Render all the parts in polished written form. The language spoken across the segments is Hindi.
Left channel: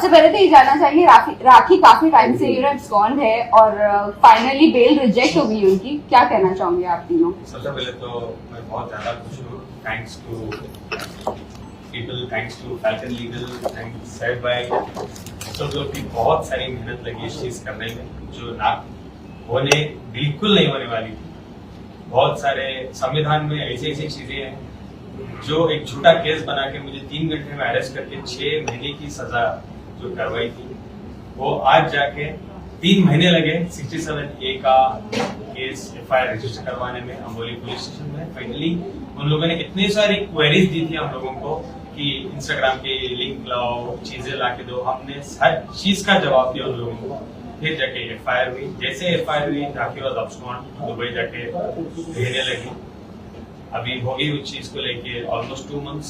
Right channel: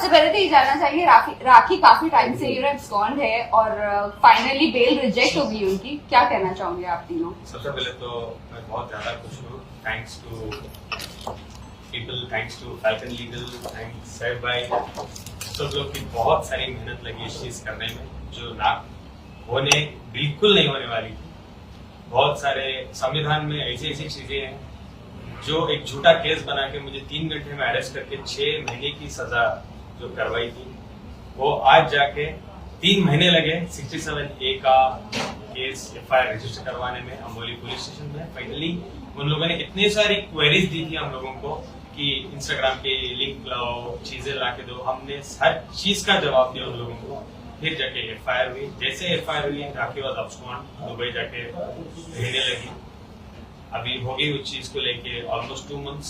सबसे पहले तो ये जानना चाहेंगे, राखी काफी टाइम से एब्सकॉन्ड है और फाइनली बेल रिजेक्ट हो गई उनकी, क्या कहना चाहोगे आप तीनों? सबसे पहले तो मैं बहुत ज्यादा खुश हूँ। Thanks to people, thanks to Falcon Legal, thanks said by सब लोग की बहुत सारी मेहनत लगी इस चीज करने में, जो ना होने बिल्कुल नहीं होने वाली थी। बहुत सारे संविधान में ऐसी ऐसी चीजें हैं जो एक झूठा केस बना के मुझे 3 घंटे में अरेस्ट करके 6 महीने की सजा जो करवाई थी, वो आज जाके 3 महीने लगे 67A का केस FIR रजिस्टर करवाने में अम्बोली पुलिस स्टेशन में। फाइनली उन लोगों ने इतनी सारी क्वेरीज दी थी हम लोगों को कि इंस्टाग्राम के लिंक लाओ, चीजें ला के दो, हमने हर चीज का जवाब दिया उन लोगों को। फिर जाके FIR हुई। जैसे FIR हुई, राखी वॉज अब्सकॉन्ड, दुबई जाके रहने लगी। अभी होगी उस चीज को लेके ऑलमोस्ट 2 मंथ्स।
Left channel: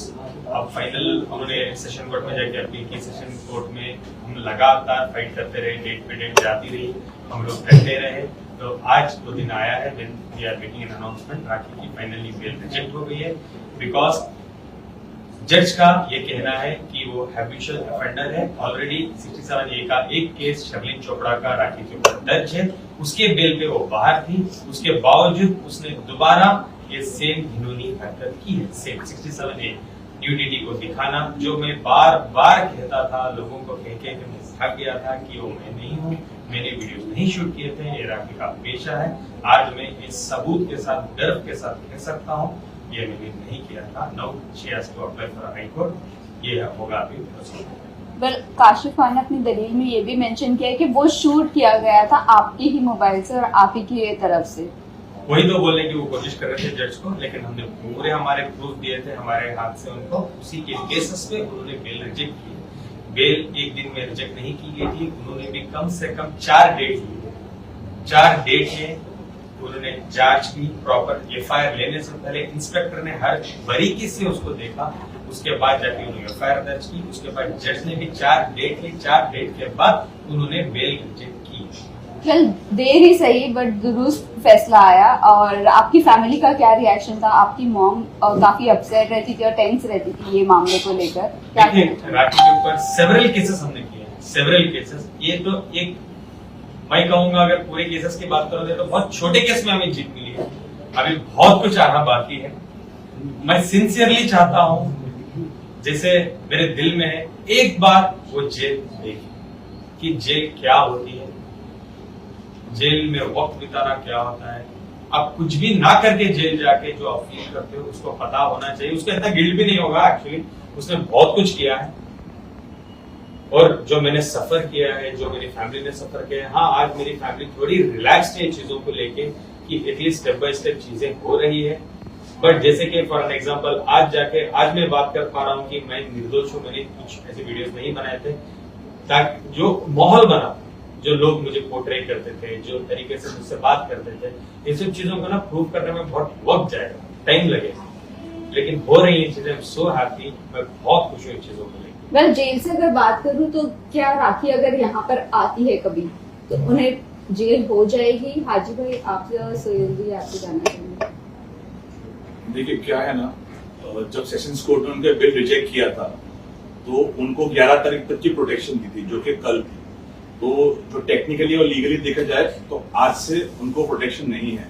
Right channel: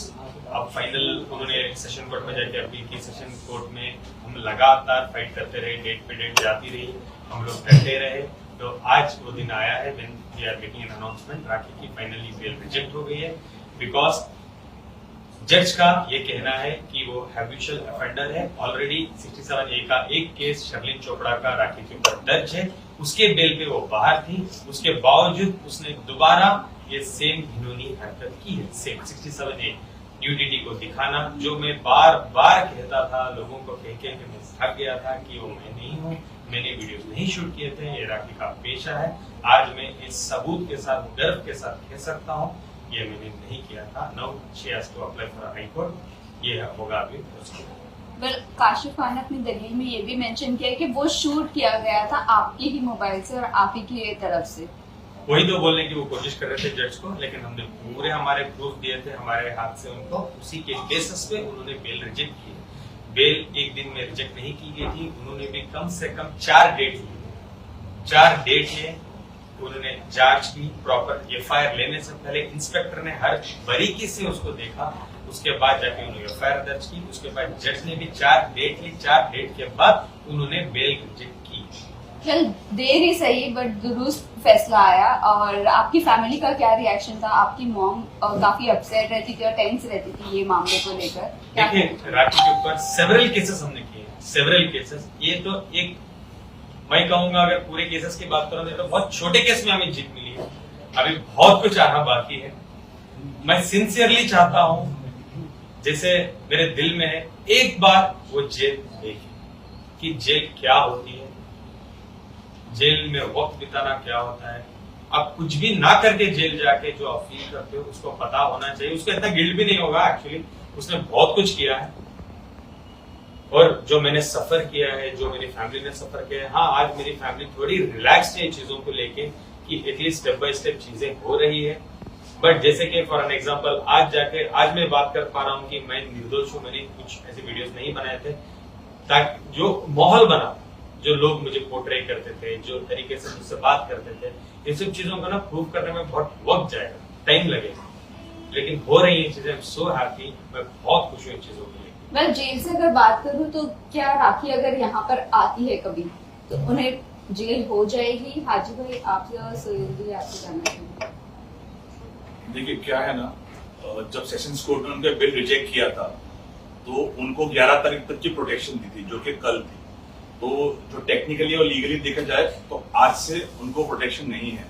अब फाइनल उन्होंने सेशन कोर्ट में जाके अपील की। सेशन कोर्ट में हम लगातार फाइट करते रहे, डेट पे डेट जाती रही, हम लोग डटे रहे। तो आज वो दिन आया है when we are making an announcement, Rakhi की फाइनली बेल रिजेक्ट हो गई है। बिकॉज जज का ये कहना है कि वो हैबिचुअल ऑफेंडर है। ऑलरेडी 67A का एक केस शर्लिन चोपड़ा का राखी के ऊपर दर्ज है, उसके बेल पे वो बाहर थी, उसके बावजूद उसने दोबारा ये सेम घिनौनी हरकत की है। सेम 67A न्यूडिटी को दिखाना, जो मैं बार बार कहता था, लोगों को कह के मैं थक गया था कि वो मैं नहीं हूँ, मैंने वीडियो नहीं शूट किए थे, ये राखी का पेशा है। आज मैं इस सबूत के साथ, गर्व के साथ कह सकता हूँ ये मैंने नहीं किया था। Now she has to apply for high court, ये होगा अभी प्रोसीजर। वेल, काशिफ खान ने अपनी दलील में ये भी मेंशन किया है कि वो शूट किया गया था आपके ही मोबाइल से और आप ही की तरफ से। वही तो बोलने की वो कोशिश कर रहे थे जज को, लेकिन हमने पूरे हमारे प्रूफ दिए थे हमारे हाथ से उनको। उसी के बेसिस पे उन्होंने बेल रिजेक्ट की। बेल एक दिन में रिजेक्ट नहीं की गई थी, उन्होंने भी कम से कम 4 डेट ली। 4 डेट में उन्होंने जांच की प्रॉपर। FIR लेने से पहले इंस्पेक्टर ने हर बारीकी से उसको देखा, उसके बाद जाके उन्होंने FIR दर्ज की। उसके बाद जज ने भी 4 डेट ली। 4 डेट के बाद उन्होंने बेल रिजेक्ट की। चल, देर ही सही बट दुरुस्त फैसला आया। और आपकी फैमिली का क्या रिएक्शन था? आपकी मॉम काफी अपसेट रहती थी और टेंस रहती थी ये मामले को लेकर। देखिए, राखी के ऊपर सेवरल केसेस हमने किए हैं, सेवरल केसेस। ये तो एक, मैं कहूंगा अगर पूरे केसेस की बात करोगे तो बहुत छोटे केस में हमें जीत मिली है। अभी बहुत कुछ आना बाकी है। मैं सिंसियरली चाहता हूं, जैसे मेरे दिल में है, एक बार वो जेल देखे कि जेल क्या होती है, जेल में वक्त बिताना क्या होता है। अब कुछ भी ना करके जेल जाके जो आप फील करते हो उसको पता होना चाहिए। उसका इतना गिल्ट भी नहीं होगा, एक्चुअली उसने बहुत कुछ किया है। और जो मैंने सफर किया है, जो मेरी फैमिली ने सफर किया है, हाँ आज मेरी फैमिली थोड़ी रिलैक्स है चीजों को लेके कि एटलीस्ट स्टेप बाय स्टेप चीजें हो रही है। बट जैसे कि फॉर एन एग्जांपल आज मैं बात कर पा रहा हूँ कि मैं निर्दोष हूँ, मैंने कुछ ऐसे वीडियोस नहीं बनाए थे, ताकि जो माहौल बना, जो लोग मुझे पोर्ट्रे करते थे, जो तरीके से मुझसे बात करते थे, ये सब चीजों को ना प्रूव करने में बहुत वक्त जाएगा, टाइम लगेगा, लेकिन हो रही है चीजें। सो हैप्पी, मैं बहुत खुश हूँ इन चीजों को लेकर। वेल, जेल से अगर बात करूं तो क्या राखी अगर यहाँ पर आती है कभी तो उन्हें जेल हो जाएगी? हाजी भाई, आप सोहेल जी आपको कहना चाहेंगे? देखिए क्या है ना, जब सेशंस कोर्ट ने उनका बिल रिजेक्ट किया था तो उनको 11 तारीख तक की प्रोटेक्शन दी थी, जो कि कल थी। तो जो टेक्निकली और लीगली देखा जाए तो आज से उनको प्रोटेक्शन नहीं है।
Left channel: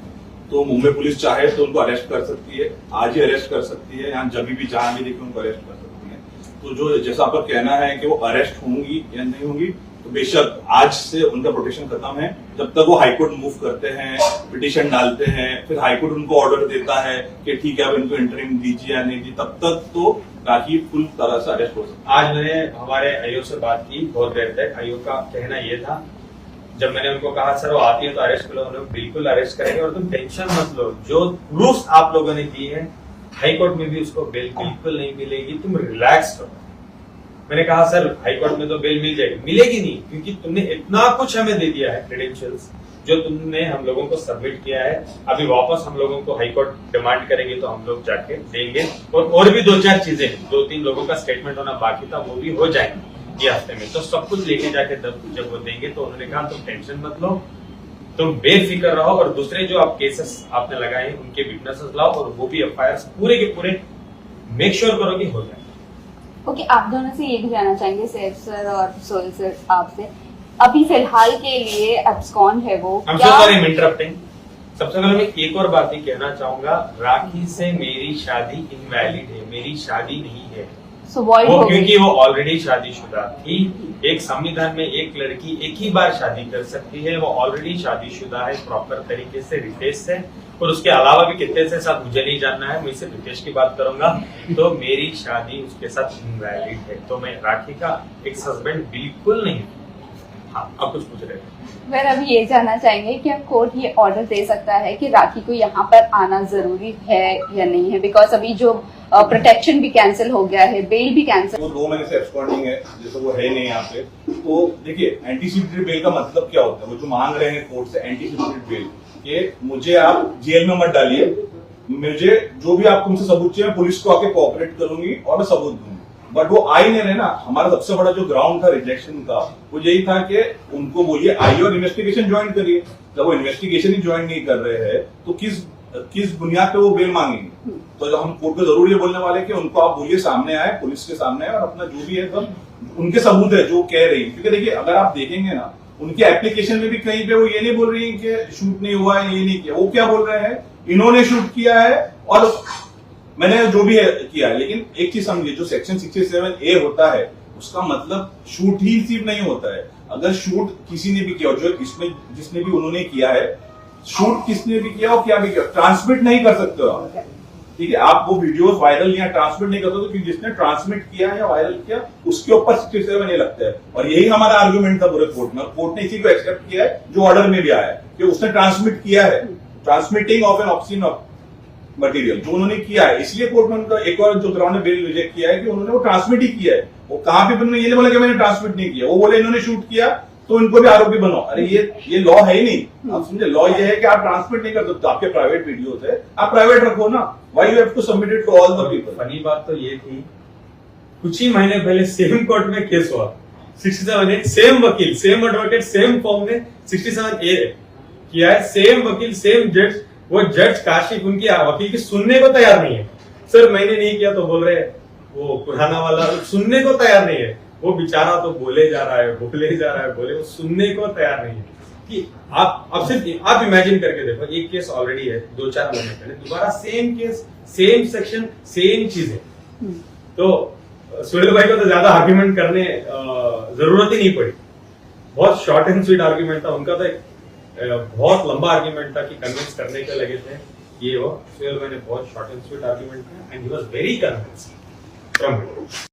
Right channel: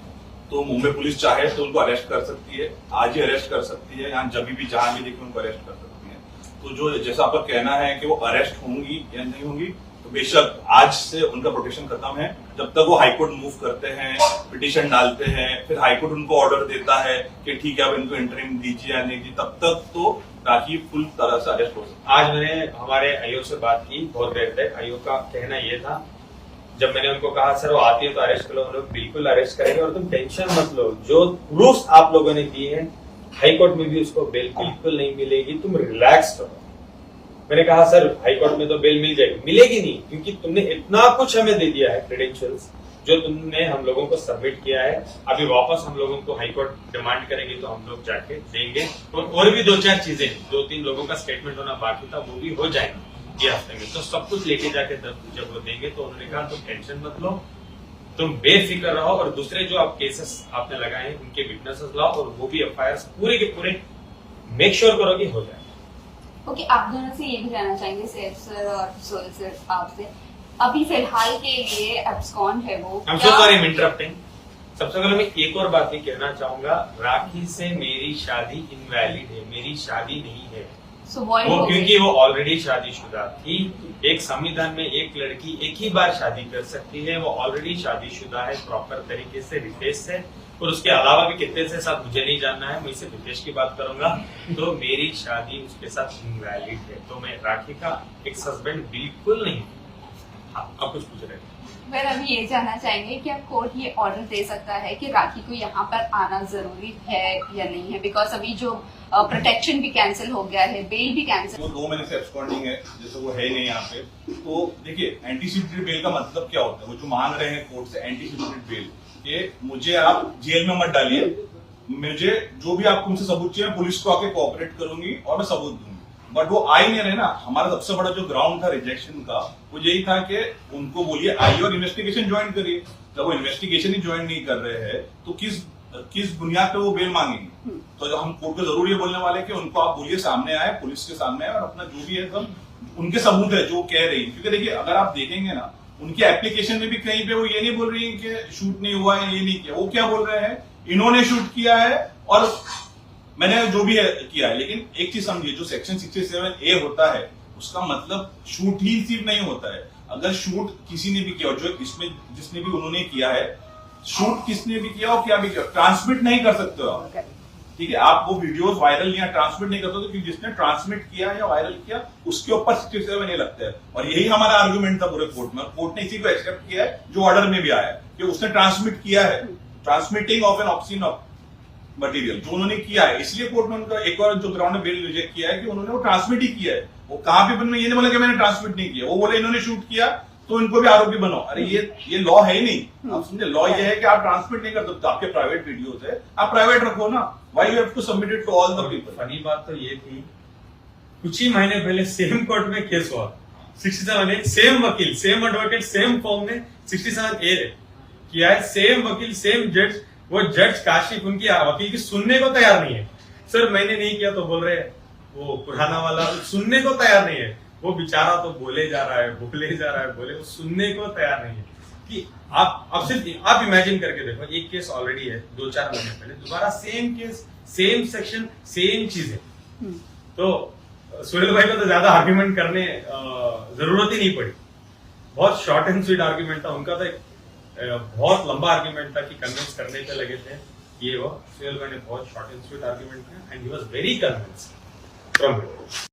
तो मुंबई पुलिस चाहे तो उनको अरेस्ट कर सकती है, आज ही अरेस्ट कर सकती है, या जब भी जहां भी देखे उनको अरेस्ट कर सकती है। तो जो जैसा आपका कहना है कि वो अरेस्ट होंगी या नहीं होंगी, तो बेशक आज से उनका प्रोटेक्शन खत्म है। जब तक वो हाईकोर्ट मूव करते हैं, पिटीशन डालते हैं, फिर हाईकोर्ट उनको ऑर्डर देता है कि ठीक है अब इनको इंटरिम दीजिए या नहीं दी, तब तक तो राखी फुल तरह से अरेस्ट हो सकती है। आज मैंने हमारे आयोग से बात की बहुत देर तक। आयोग का कहना ये था, जब मैंने उनको कहा सर वो आती है तो अरेस्ट करो, हम लोग बिल्कुल अरेस्ट करेंगे और तुम टेंशन मत लो, जो प्रूफ आप लोगों ने दिए हैं हाईकोर्ट में भी उसको बेल बिल्कुल नहीं मिलेगी, तुम रिलैक्स करो। मैंने कहा सर हाईकोर्ट में तो बेल मिल जाएगी, मिलेगी नहीं, क्योंकि तुमने इतना कुछ हमें दे दिया है, क्रेडेंशियल्स जो तुमने हम लोगों को सबमिट किया है। अभी वापस हम लोगों को हाईकोर्ट डिमांड करेंगे तो हम लोग जाके देंगे। और भी 2-4 चीजें, 2-3 लोगों का स्टेटमेंट होना बाकी था, वो भी हो जाएंगे ये हफ्ते में। तो सब कुछ लेके जाके जब वो देंगे तो उन्होंने कहा तुम टेंशन मत लो, तुम बेफिक्र रहो, और दूसरे जो आप केसेस आपने लगाए उनके विटनेसेस लाओ और वो भी FIR पूरे के पूरे मेक श्योर करो कि हो जाए। ओके, आप दोनों से ये भी जानना चाहेंगे सैफ सर और सोहेल सर आपसे, अभी फिलहाल के लिए एब्सकॉन है वो I'm so sorry I'm interrupting. सबसे पहले मैं एक और बात ही कहना चाहूंगा, राखी से मेरी शादी इनवैलिड है, मेरी शादी नहीं है सो वॉइड वो, हो गई। क्योंकि वो ऑलरेडी शादीशुदा थी। एक संविधान में एक लड़की एक ही बार शादी कर सकती है, वो ऑलरेडी शादीशुदा है, प्रॉपर तरीके से रितेश है, और उसके अलावा भी कितने से साथ मुझे नहीं जानना है, मैं सिर्फ रितेश की बात करूंगा। तो मेरी शादी उसके साथ इनवैलिड है, तो मैं राखी का एक्स हस्बैंड बिल्कुल नहीं। हाँ, आप कुछ पूछ रहे थे। मैं अभी ये जानना चाहेंगे कि कोर्ट ये ऑर्डर दे सकता है कि राखी को यहाँ पर आना जरूरी है या नहीं है, बिकॉज अभी जो प्रोटेक्शन भी कैंसिल हो गया है, बेल भी कैंसिल। वो 2 महीने से एब्सकॉन्डिंग है, जैसे वो है नहीं यहाँ पे। तो देखिए, एंटीसिपेटरी बेल का मतलब क्या होता है, वो जो मांग रहे हैं कोर्ट से एंटीसिपेटरी बेल, कि मुझे आप जेल में मत डालिए, मुझे जो भी आप तुमसे सबूत चाहिए पुलिस को आके कोऑपरेट करूंगी और मैं सबूत दूंगी। बट वो आ ही नहीं रहे ना। हमारा सबसे बड़ा जो ग्राउंड था रिजेक्शन का, वो यही था कि उनको बोलिए आइए और इन्वेस्टिगेशन ज्वाइन करिए। जब वो इन्वेस्टिगेशन ही ज्वाइन नहीं कर रहे हैं तो किस बुनियाद पे वो बेल मांगेंगे? तो हम कोर्ट को जरूर ये बोलने वाले कि उनको आप बोलिए सामने आए, पुलिस के सामने आए और अपना जो भी है सब उनके सबूत है जो कह रही है। क्योंकि देखिए, अगर आप देखेंगे ना, उनकी एप्लीकेशन में भी कहीं पे वो ये नहीं बोल रही कि शूट नहीं हुआ, ये नहीं किया। वो क्या बोल रहे हैं, इन्होंने शूट किया है और मैंने जो भी है किया है। लेकिन एक चीज समझिए, जो सेक्शन 67A होता है उसका मतलब शूट ही सिर्फ नहीं होता है। अगर शूट किसी ने भी किया, जो इसमें जिसने भी उन्होंने किया है, शूट किसने भी किया और क्या भी किया, ट्रांसमिट नहीं कर सकते हो आप। ठीक है, आप वो वीडियोस वायरल या ट्रांसमिट नहीं कर सकते, क्योंकि जिसने ट्रांसमिट किया या वायरल किया उसके ऊपर 67 लगता है। और यही हमारा आर्गुमेंट था पूरे कोर्ट में। कोर्ट ने इसी को एक्सेप्ट किया है जो ऑर्डर में भी आया है, कि उसने ट्रांसमिट किया है, transmitting of an obscene material जो उन्होंने किया है। इसलिए कोर्ट ने उनका एक और जो ग्राउंड ने बेल रिजेक्ट किया है कि उन्होंने वो ट्रांसमिट ही किया है। वो कहां पे उन्होंने ये नहीं बोला कि मैंने ट्रांसमिट नहीं किया, वो बोले इन्होंने शूट किया तो इनको भी आरोपी बनाओ। अरे ये लॉ है ही नहीं। आप समझे, लॉ ये है कि आप ट्रांसमिट नहीं कर सकते। आपके प्राइवेट वीडियोस है, आप प्राइवेट रखो ना। Why you have to submit it to all the people? Funny बात तो ये थी, कुछ ही महीने पहले सेम कोर्ट में केस हुआ, 67A, सेम वकील, सेम एडवोकेट, सेम फॉर्म में 67A किया है, सेम वकील, सेम जज। वो जज काशिफ उनकी वकील की सुनने को तैयार नहीं है। सर मैंने नहीं किया तो बोल रहे, वो पुराना वाला सुनने को तैयार नहीं है। वो बेचारा तो बोले जा रहा है, बोले, वो सुनने को तैयार नहीं है। कि आप सिर्फ आप इमेजिन करके देखो, एक केस ऑलरेडी है 2-4 महीने पहले, दोबारा same case, same section, same चीजें। तो सुहेल भाई को तो ज्यादा आर्ग्यूमेंट करने जरूरत ही नहीं पड़ी। बहुत शॉर्ट एंड स्वीट आर्ग्यूमेंट था उनका। तो एक बहुत लंबा आर्ग्यूमेंट था कि कन्विंस करने के लगे थे ये वो। सुहेल भाई ने बहुत शॉर्ट एंड स्वीट आर्ग्यूमेंट किया and he was very convinced.